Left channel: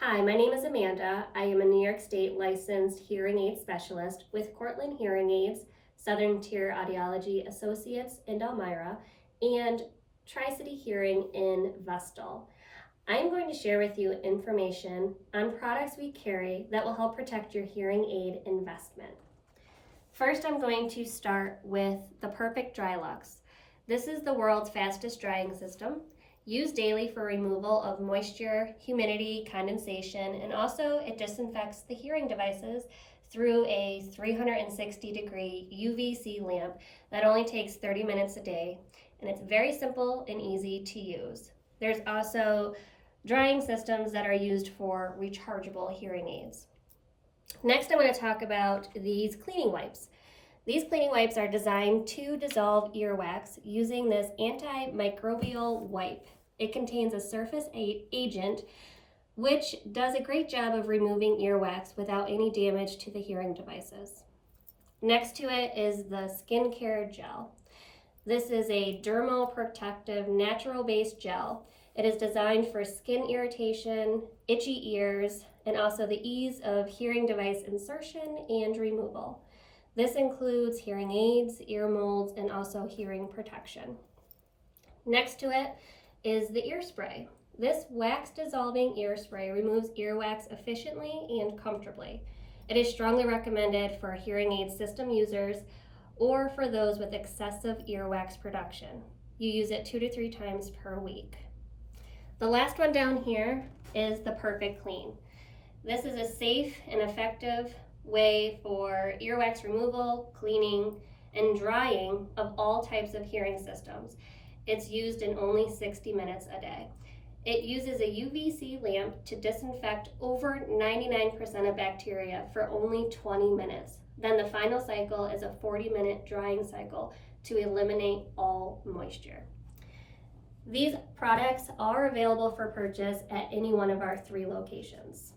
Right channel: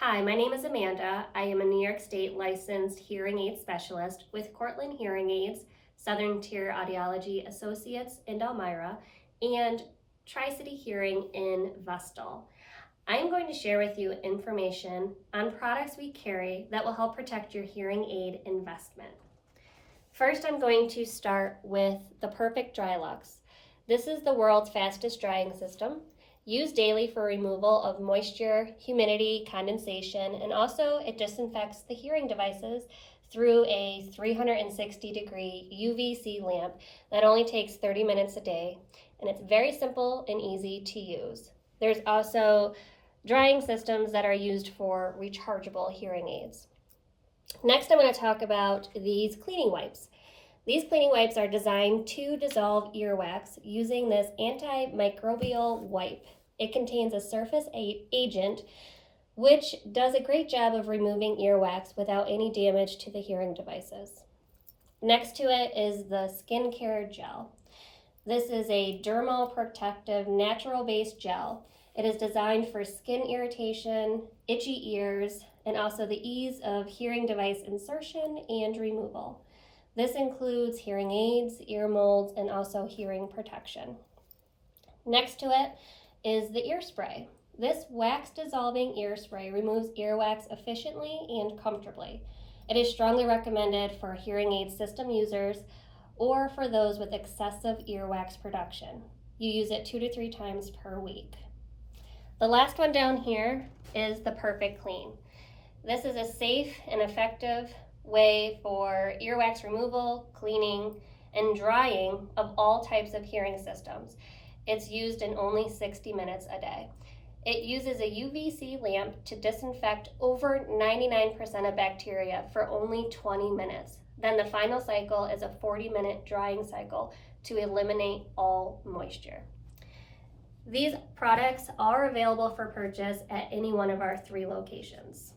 Hi, my name is Amanda. I am a New York State licensed hearing aid specialist with Cortland Hearing Aids, Southern Tier Audiology Associates in Elmira, and Tri-City Hearing in Vestal. I am going to share with you information on products we carry that will help protect your hearing aid investment. First, I'm going to start with the Perfect Dry-Lux. This is the world's fastest drying system, used daily for removal of moisture, humidity, condensation, and also it disinfects the hearing devices through a 360-degree UVC lamp that only takes 30 minutes a day, and it's very simple and easy to use. There's also drying systems that are used for rechargeable hearing aids. Next, I want to talk about these cleaning wipes. These cleaning wipes are designed to dissolve earwax using this antimicrobial wipe. It contains a surface agent which does a great job of removing earwax without any damage to the hearing devices. Next to it is the skincare gel. This is a dermoprotective natural-based gel. It is designed for skin irritation, itchy ears, and also the ease of hearing device insertion and removal. This includes hearing aids, ear molds, and also hearing protection. Next to it is the ear spray. This wax dissolving ear spray removes earwax efficiently and comfortably. It is strongly recommended for hearing aid system users or for those with excessive earwax production. You use it 2 to 3 times per week. The last one down here is the Perfect Clean. This is a safe and effective way for earwax removal, cleaning, and drying of all types of hearing systems. It's used in only 60 minutes a day. It uses a UVC lamp to disinfect over 99% of bacteria for only 20 minutes. Then the final cycle is a 40-minute drying cycle to eliminate all moisture. These products are available for purchase at any one of our 3 locations.